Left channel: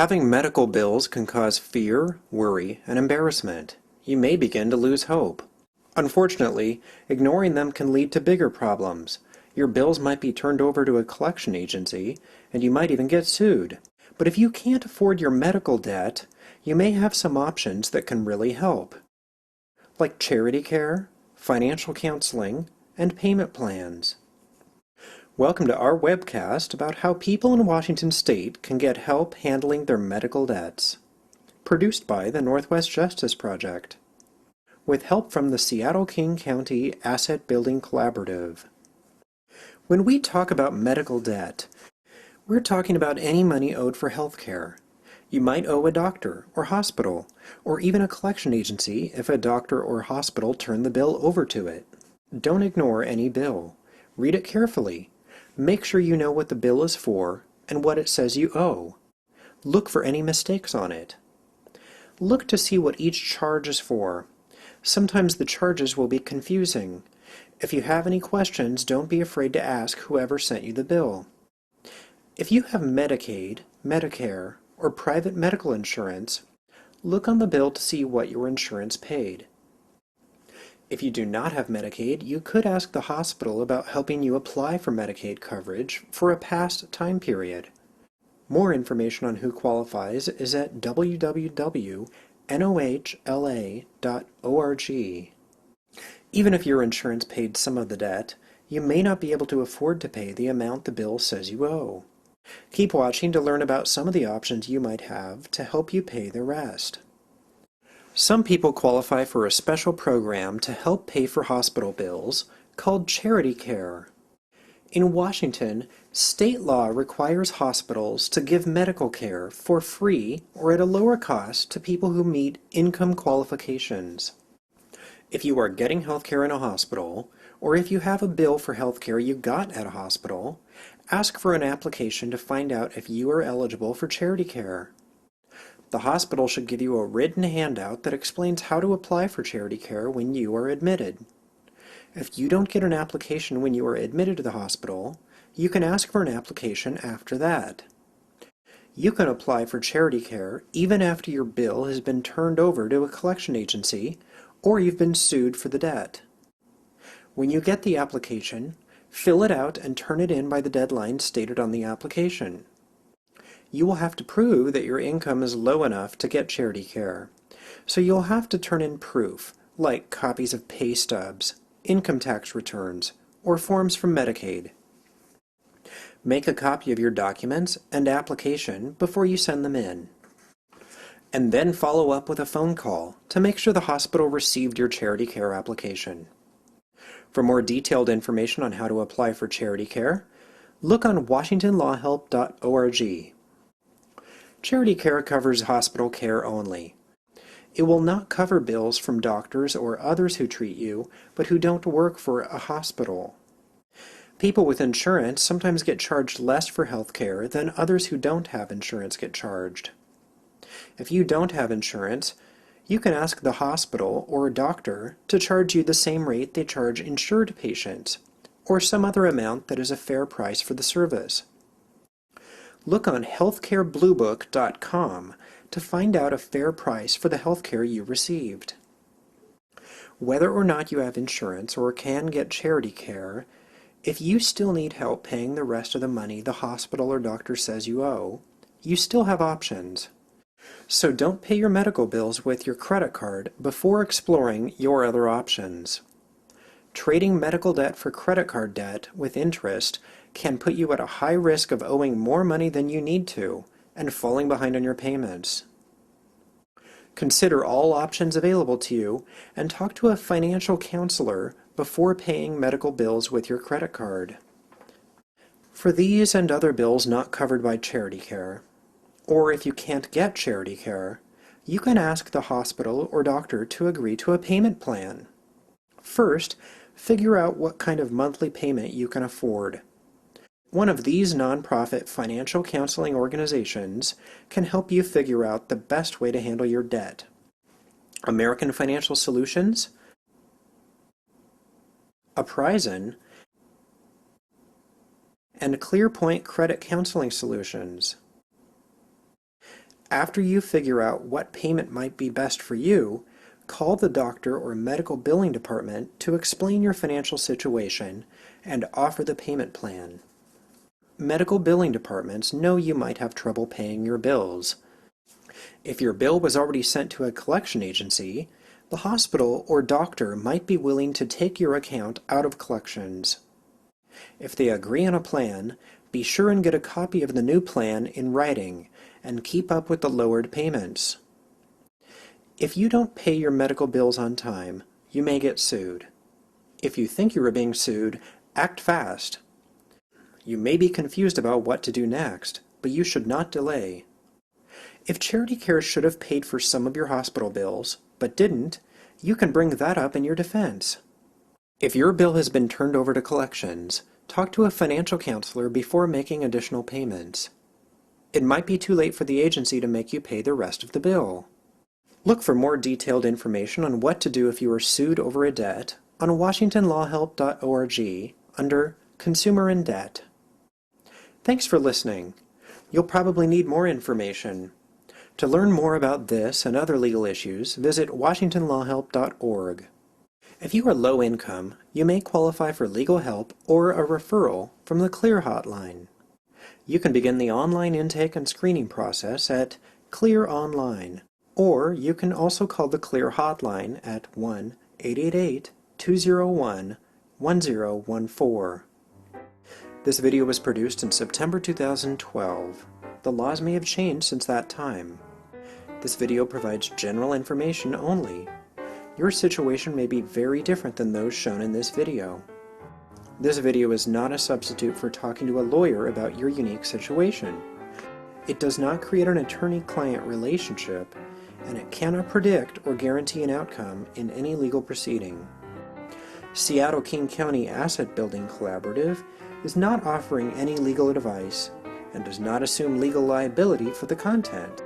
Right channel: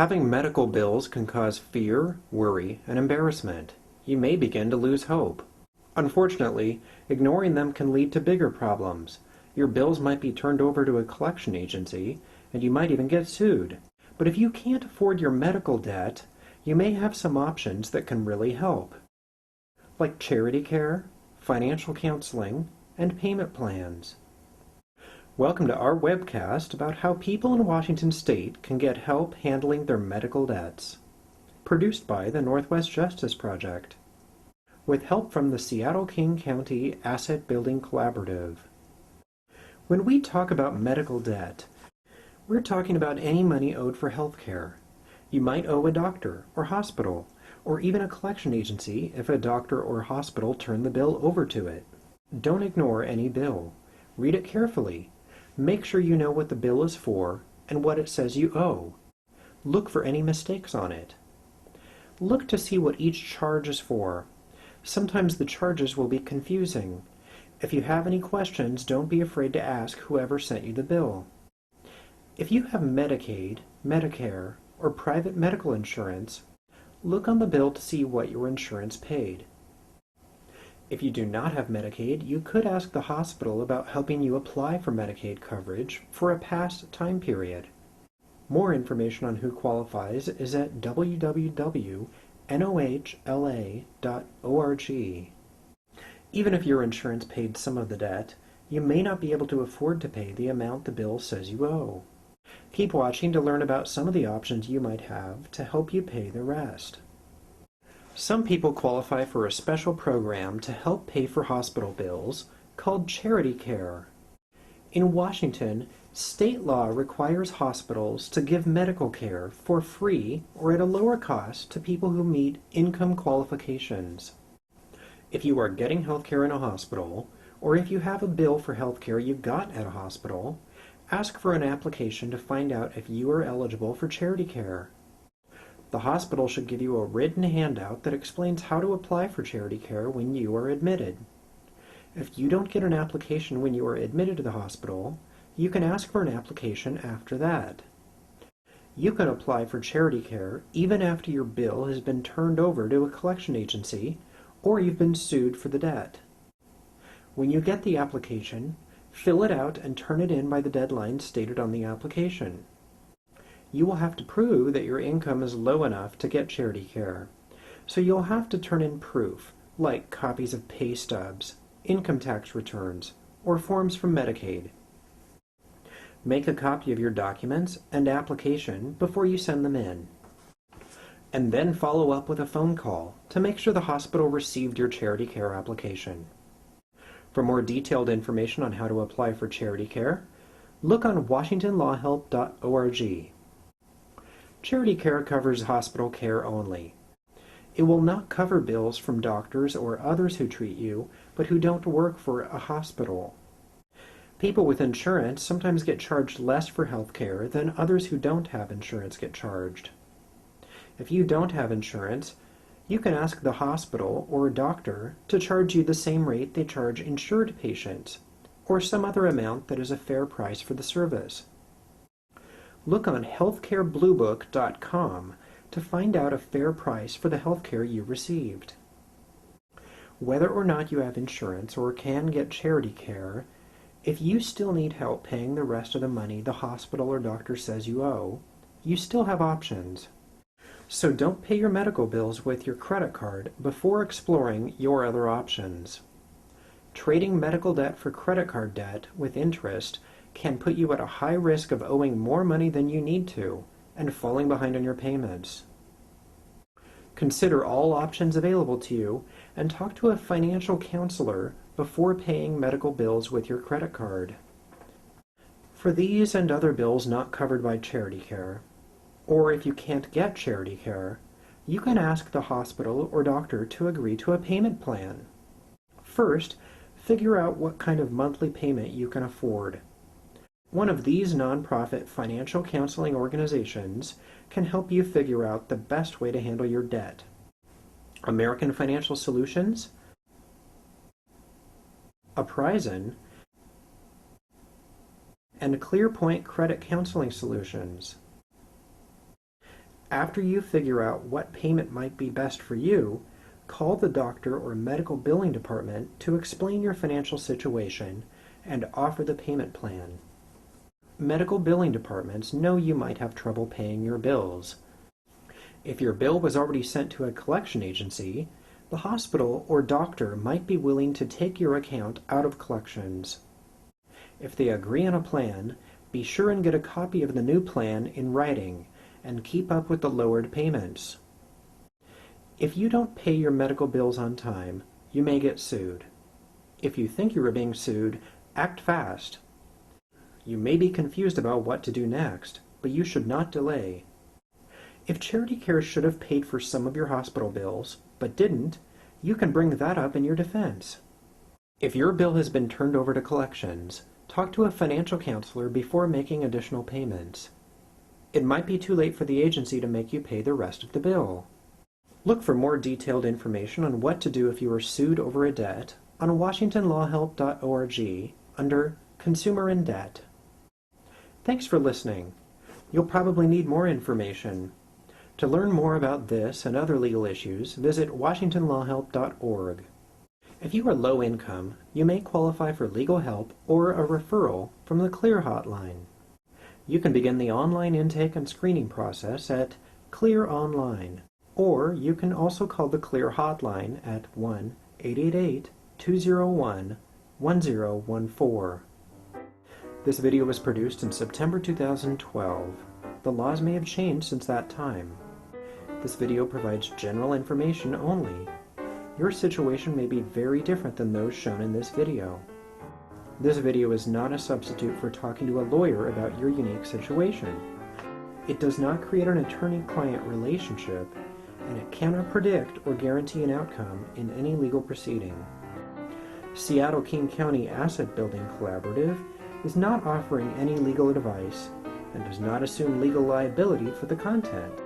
Having medical bills can cause fear, worry, and embarrassment. You may begin to lose hope. Unfortunately, ignoring them can lead to bigger problems. Your bills might be turned over to a collection agency, and you might even get sued. But if you can't afford your medical debt, you may have some options that can really help, like charity care, financial counseling, and payment plans. Welcome to our webcast about how people in Washington State can get help handling their medical debts. Produced by the Northwest Justice Project, with help from the Seattle-King County Asset Building Collaborative. When we talk about medical debt, we're talking about any money owed for health care. You might owe a doctor or hospital, or even a collection agency if a doctor or hospital turn the bill over to it. Don't ignore any bill. Read it carefully. Make sure you know what the bill is for and what it says you owe. Look for any mistakes on it. Look to see what each charge is for. Sometimes the charges will be confusing. If you have any questions, don't be afraid to ask whoever sent you the bill. If you have Medicaid, Medicare, or private medical insurance, look on the bill to see what your insurance paid. If you do not have Medicaid, you could ask the hospital about helping you apply for Medicaid coverage for a past time period. More information on who qualifies is at www.nohla.org. Even if your insurance paid some of the debt, you may not be able to afford to pay the amount the bill says you owe. Keep watching to learn about some of the options you might have to help you pay the rest. Some people qualify for a special program to help pay for hospital bills called charity care. In Washington, state law requires hospitals to give medical care for free or at a lower cost to people who meet income qualifications. If you are getting health care in a hospital, or if you have a bill for health care you got at a hospital, ask for an application to find out if you are eligible for charity care. The hospital should give you a written handout that explains how to apply for charity care when you are admitted. If you don't get an application when you are admitted to the hospital, you can ask for an application after that. You can apply for charity care even after your bill has been turned over to a collection agency or you've been sued for the debt. When you get the application, fill it out and turn it in by the deadline stated on the application. You will have to prove that your income is low enough to get charity care, so you'll have to turn in proof, like copies of pay stubs, income tax returns, or forms from Medicaid. Make a copy of your documents and application before you send them in, and then follow up with a phone call to make sure the hospital received your charity care application. For more detailed information on how to apply for charity care, look on washingtonlawhelp.org. Charity care covers hospital care only. It will not cover bills from doctors or others who treat you, but who don't work for a hospital. People with insurance sometimes get charged less for health care than others who don't have insurance get charged. If you don't have insurance, you can ask the hospital or a doctor to charge you the same rate they charge insured patients, or some other amount that is a fair price for the service. Look on healthcarebluebook.com to find out a fair price for the health care you received. Whether or not you have insurance or can get charity care, if you still need help paying the rest of the money the hospital or doctor says you owe, you still have options. So don't pay your medical bills with your credit card before exploring your other options. Trading medical debt for credit card debt with interest can put you at a high risk of owing more money than you need to and falling behind on your payments. Consider all options available to you and talk to a financial counselor before paying medical bills with your credit card. For these and other bills not covered by charity care, or if you can't get charity care, you can ask the hospital or doctor to agree to a payment plan. First, figure out what kind of monthly payment you can afford. One of these nonprofit financial counseling organizations can help you figure out the best way to handle your debt. American Financial Solutions, Uprising, and ClearPoint Credit Counseling Solutions. After you figure out what payment might be best for you, call the doctor or medical billing department to explain your financial situation and offer the payment plan. Medical billing departments know you might have trouble paying your bills. If your bill was already sent to a collection agency, the hospital or doctor might be willing to take your account out of collections. If they agree on a plan, be sure and get a copy of the new plan in writing and keep up with the lowered payments. If you don't pay your medical bills on time, you may get sued. If you think you are being sued, act fast. You may be confused about what to do next, but you should not delay. If Charity Care should have paid for some of your hospital bills, but didn't, you can bring that up in your defense. If your bill has been turned over to collections, talk to a financial counselor before making additional payments. It might be too late for the agency to make you pay the rest of the bill. Look for more detailed information on what to do if you are sued over a debt on WashingtonLawHelp.org under Consumer in Debt. Thanks for listening. You'll probably need more information. To learn more about this and other legal issues, visit WashingtonLawHelp.org. If you are low income, you may qualify for legal help or a referral from the CLEAR hotline. You can begin the online intake and screening process at CLEAR Online, or you can also call the CLEAR hotline at 1-888-201-1014. This video was produced in September 2012. The laws may have changed since that time. This video provides general information only. Your situation may be very different than those shown in this video. This video is not a substitute for talking to a lawyer about your unique situation. It does not create an attorney-client relationship, and it cannot predict or guarantee an outcome in any legal proceeding. Seattle-King County Asset Building Collaborative is not offering any legal advice and does not assume legal liability for the content.